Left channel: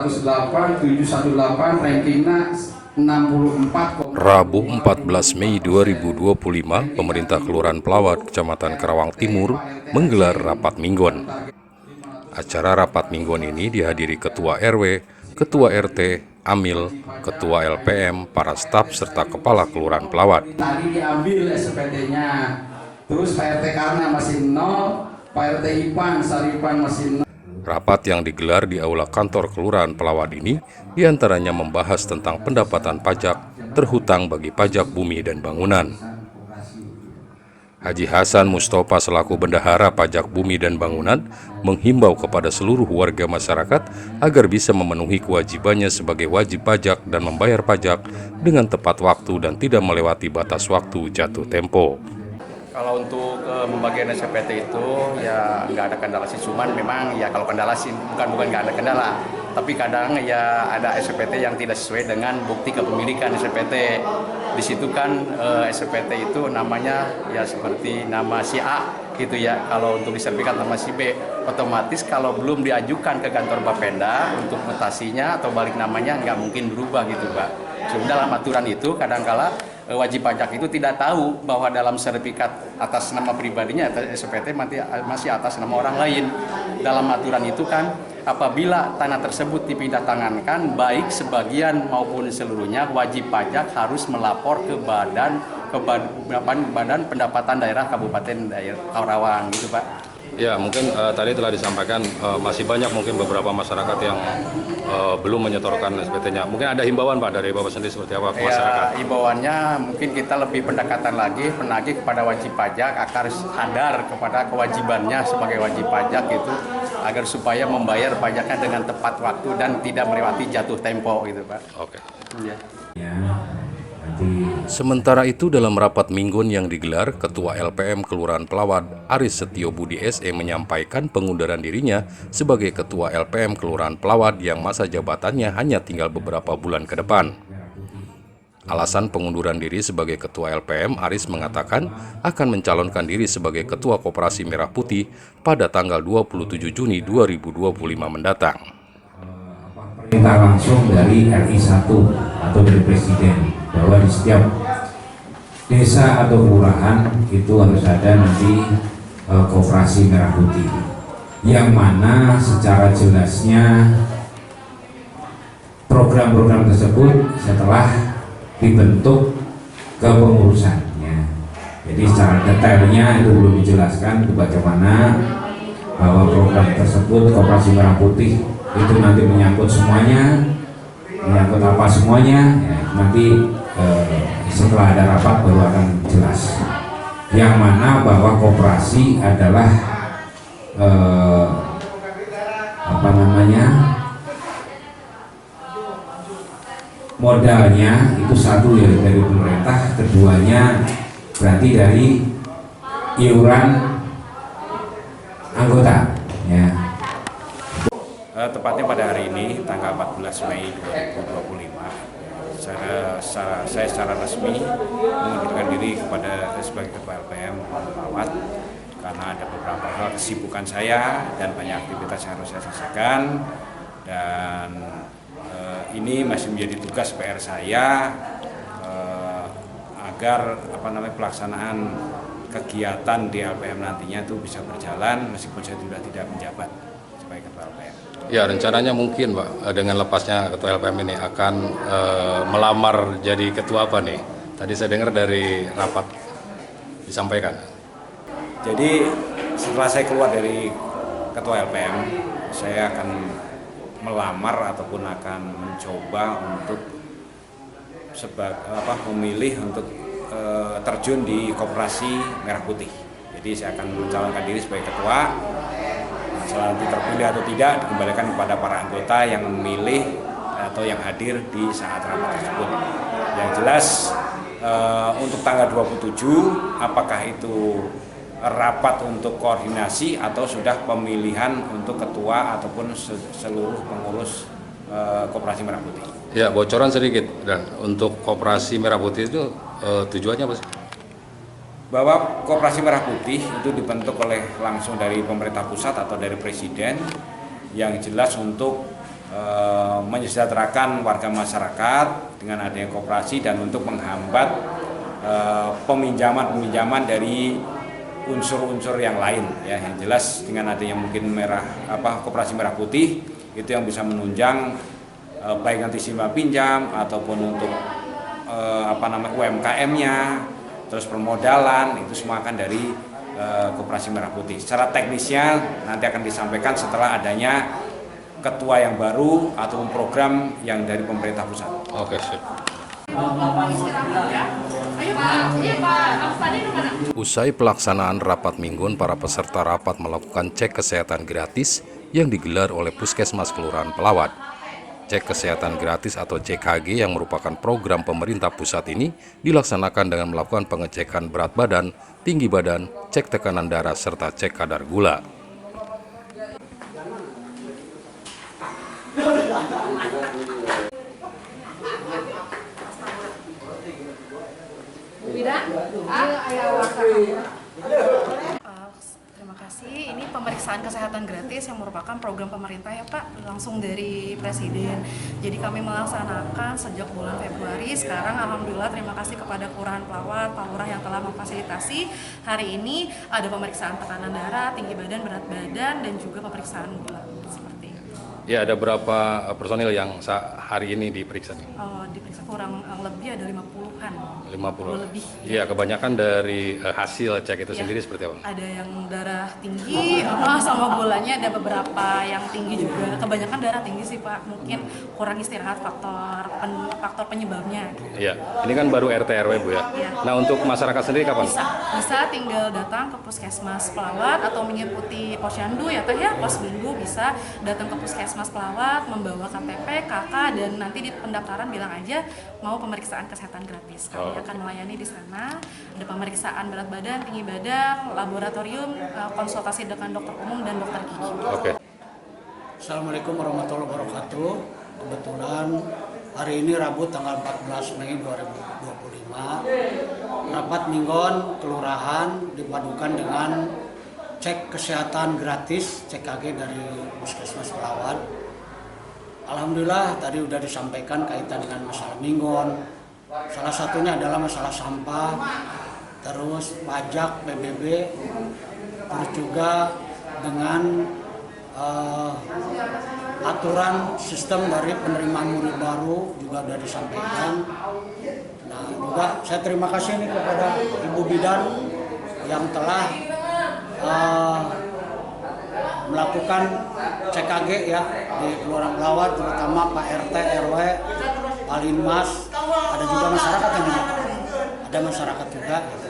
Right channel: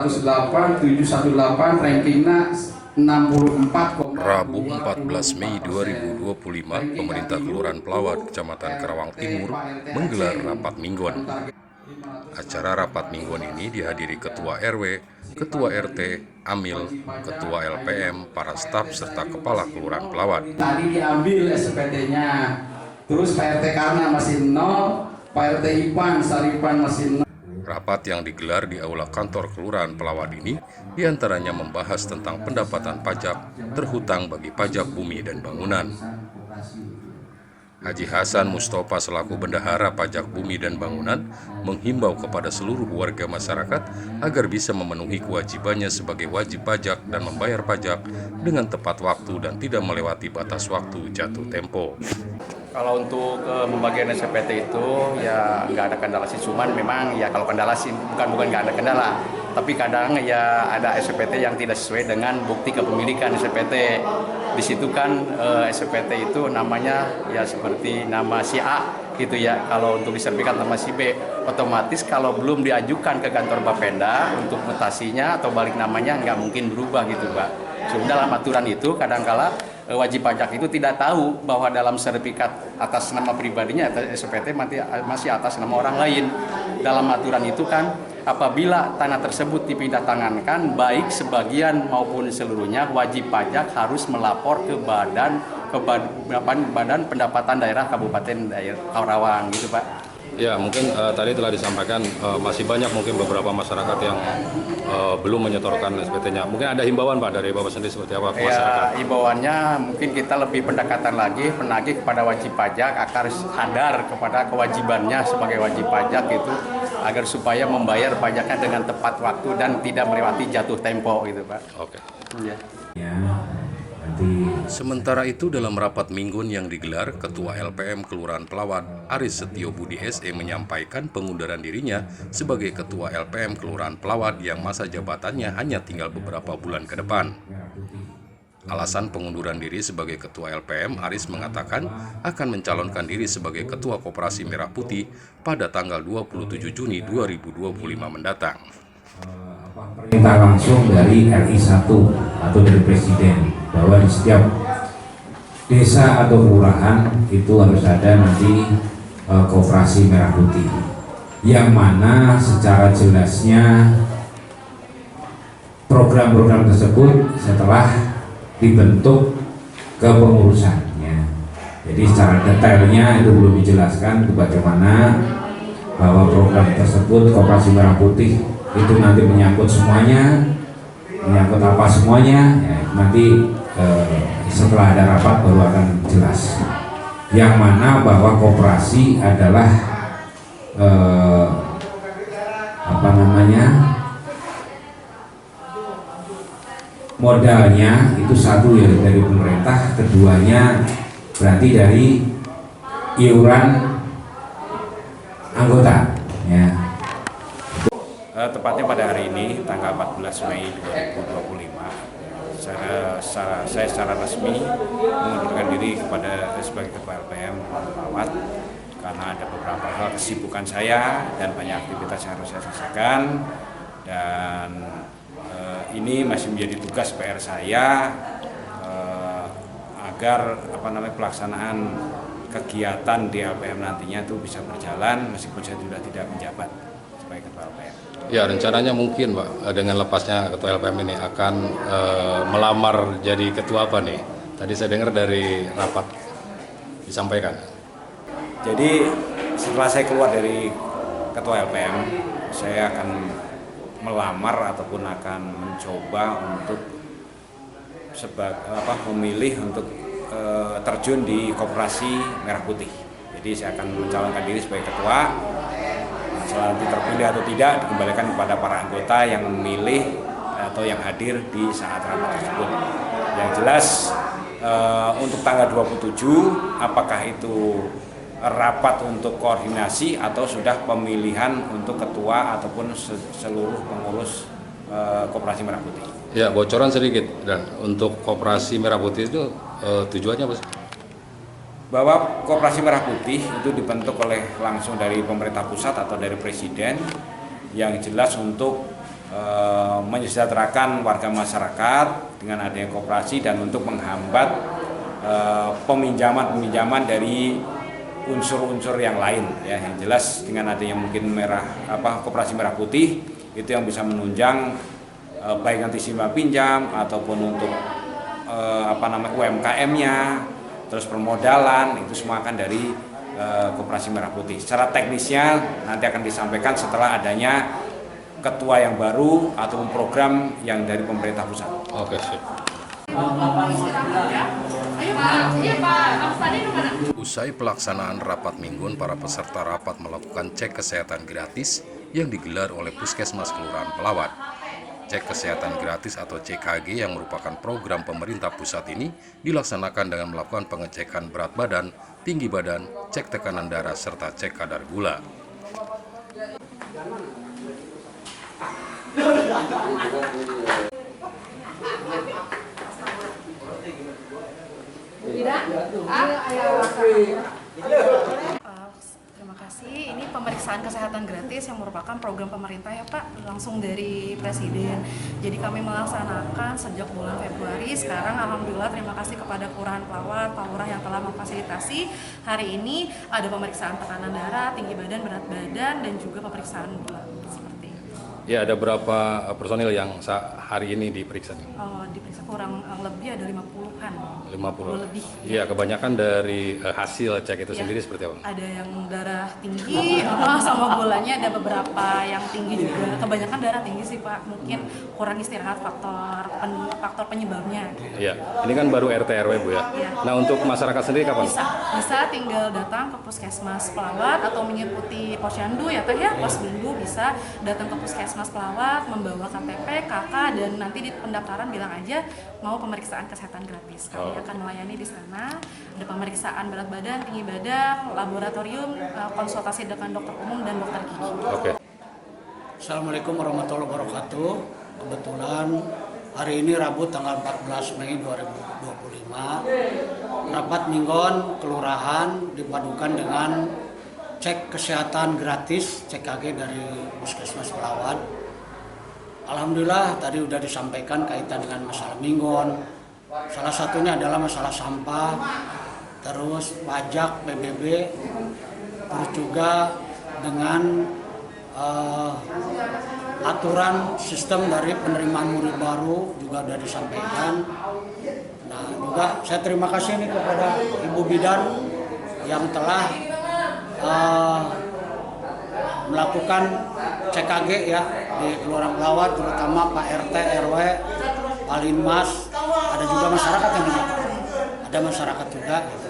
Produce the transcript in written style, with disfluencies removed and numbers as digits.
718 rankingnya 64. Rabu 14 Mei 2025, pemerintah Kelurahan Pelawat, Kecamatan Karawang Timur menggelar rapat mingguan. Acara rapat mingguan ini dihadiri Ketua RW, Ketua RT, Amil, Ketua LPM, para staf serta Kepala Kelurahan Pelawat. Tadi diambil SPT-nya, terus Pak RT karena masih 0, Pak RT Ipan, Saripan masih 0. Rapat yang digelar di aula kantor Kelurahan Pelawat ini diantaranya membahas tentang pendapatan pajak terhutang bagi pajak bumi dan bangunan. Haji Hasan Mustafa selaku Bendahara Pajak Bumi dan Bangunan menghimbau kepada seluruh warga masyarakat agar bisa memenuhi kewajibannya sebagai wajib pajak dan membayar pajak dengan tepat waktu dan tidak melewati batas waktu jatuh tempo. Kalau untuk pembagian SPT itu ya nggak ada kendala sih, cuman memang ya kalau kendala sih bukan nggak ada kendala, tapi kadang ya ada SPT yang tidak sesuai dengan bukti kepemilikan SPT. Di situ kan SPT itu namanya ya seperti nama si A gitu ya. Kalau untuk di sertifikat nama si B, otomatis kalau belum diajukan ke kantor Bapenda untuk mutasinya atau balik namanya nggak mungkin berubah gitu Pak. Cuma dalam aturan itu kadangkala wajib pajak itu tidak tahu bahwa dalam sertifikat atas nama pribadinya atau SPT masih atas nama orang lain. Dalam aturan itu kan apabila tanah tersebut dipindah tangankan baik sebagian maupun seluruhnya, wajib pajak harus melapor ke badan pendapatan daerah Kabupaten Karawang gitu Pak. Ya, mungkin tadi telah disampaikan masih banyak mungkin beberapa masyarakat yang belum menyetorkan SPT-nya. Mungkin ada himbauan Pak dari Bapak sendiri seperti apa ke masyarakat? Ya, himbauannya mungkin kita lebih pendekatan lagi penagih kepada wajib pajak agar sadar kepada kewajibannya sebagai wajib pajak itu agar supaya membayar pajaknya dengan tepat waktu dan tidak melewati jatuh tempo gitu Pak. Oke. Ya. Sementara itu dalam rapat mingguan yang digelar, Ketua LPM Kelurahan Pelawat, Aris Setio Budi SE menyampaikan pengunduran dirinya sebagai Ketua LPM Kelurahan Pelawat yang masa jabatannya hanya tinggal beberapa bulan ke depan. Alasan pengunduran diri sebagai Ketua LPM, Aris mengatakan akan mencalonkan diri sebagai Ketua Koperasi Merah Putih pada tanggal 27 Juni 2025 mendatang. Perintah langsung dari RI 1 atau dari Presiden bahwa di setiap desa atau kelurahan itu harus ada nanti koperasi merah putih, yang mana secara jelasnya program-program tersebut setelah dibentuk kepengurusannya. Jadi secara detailnya itu belum dijelaskan bagaimana bahwa program tersebut koperasi merah putih itu nanti menyangkut semuanya, menyangkut apa semuanya ya, nanti setelah ada rapat baru akan jelas. Yang mana bahwa koperasi adalah modalnya itu satu ya dari pemerintah, keduanya berarti dari iuran anggota ya. Tepatnya pada hari ini tanggal 14 Mei 2025 saya secara resmi mengundurkan diri sebagai Ketua LPM Pelawat karena ada beberapa hal kesibukan saya dan banyak aktivitas yang harus saya selesaikan, dan ini masih menjadi tugas PR saya agar pelaksanaan kegiatan di LPM nantinya itu bisa berjalan meskipun saya sudah tidak menjabat sebagai Ketua LPM. Ya, rencananya mungkin Pak, dengan lepasnya Ketua LPM ini akan melamar jadi ketua apa nih? Tadi saya dengar dari rapat disampaikan. Jadi setelah saya keluar dari Ketua LPM, saya akan melamar ataupun akan mencoba untuk memilih untuk terjun di Koperasi Merah Putih. Jadi saya akan mencalonkan diri sebagai ketua. Setelah nanti terpilih atau tidak dikembalikan kepada para anggota yang memilih atau yang hadir di saat rapat tersebut. Yang jelas untuk tanggal 27 apakah itu rapat untuk koordinasi atau sudah pemilihan untuk ketua ataupun seluruh pengurus Koperasi Merah Putih. Ya, bocoran sedikit, dan untuk Koperasi Merah Putih itu tujuannya apa sih? Bahwa Koperasi Merah Putih itu dibentuk langsung dari pemerintah pusat atau dari Presiden, yang jelas untuk menyejahterakan warga masyarakat dengan adanya koperasi dan untuk menghambat peminjaman dari unsur-unsur yang lain ya. Yang jelas dengan adanya mungkin koperasi merah putih itu yang bisa menunjang baik nanti simpan pinjam ataupun untuk UMKM-nya, terus permodalan itu semua akan dari koperasi merah putih. Secara teknisnya nanti akan disampaikan setelah adanya ketua yang baru atau program yang dari pemerintah pusat. Oke, sip. Usai pelaksanaan rapat mingguan, para peserta rapat melakukan cek kesehatan gratis yang digelar oleh Puskesmas Kelurahan Pelawat. Cek kesehatan gratis atau CKG yang merupakan program pemerintah pusat ini dilaksanakan dengan melakukan pengecekan berat badan, tinggi badan, cek tekanan darah, serta cek kadar gula. Terima kasih. Ini pemeriksaan kesehatan gratis yang merupakan program pemerintah ya Pak, langsung dari Presiden. Jadi kami melaksanakan sejak bulan Februari. Sekarang alhamdulillah terima kasih kepada Kelurahan Pelawat, Pak Lurah yang telah memfasilitasi. Hari ini ada pemeriksaan tekanan darah, tinggi badan, berat badan, dan juga pemeriksaan gula. Seperti itu. Ya, ada berapa personil yang hari ini diperiksa? Diperiksa kurang lebih ada 50-an. 50 lebih. Iya, kebanyakan dari hasil cek itu sendiri seperti apa? Ada yang darah tinggi, sama gulanya ada beberapa yang tinggi juga. Kebanyakan darah tinggi sih Pak, mungkin kurang istirahat faktor penyebabnya. Iya, ini kan baru RT RW Bu ya. Iya. Nah, untuk masyarakat sendiri kapan? Bisa tinggal datang ke Puskesmas Pelawat atau mengikuti posyandu ya Teh ya, pos minggu bisa datang ke Puskesmas Pelawat membawa KTP, KK, dan nanti di pendaftaran bilang aja mau pemeriksaan kesehatan gratis. Kami akan melayani di sana. Ada pemeriksaan berat badan, tinggi badan, laboratorium, konsultasi dengan dokter umum dan dokter gigi. Oke. Assalamualaikum warahmatullahi wabarakatuh. Kebetulan hari ini Rabu tanggal 14 Mei 2025, rapat mingguan kelurahan dipadukan dengan cek kesehatan gratis CKG dari Puskesmas Pelawat. Alhamdulillah tadi sudah disampaikan kaitan dengan masalah mingguan. Salah satunya adalah masalah sampah, terus pajak PBB, terus juga dengan aturan sistem dari penerimaan murid baru juga sudah disampaikan. Nah, juga saya terima kasih nih kepada Ibu Bidan yang telah melakukan CKG ya di Kelurahan Pelawat, terutama Pak RT, RW, Pak Linmas, ada juga masyarakat yang ada masyarakat juga. Gitu.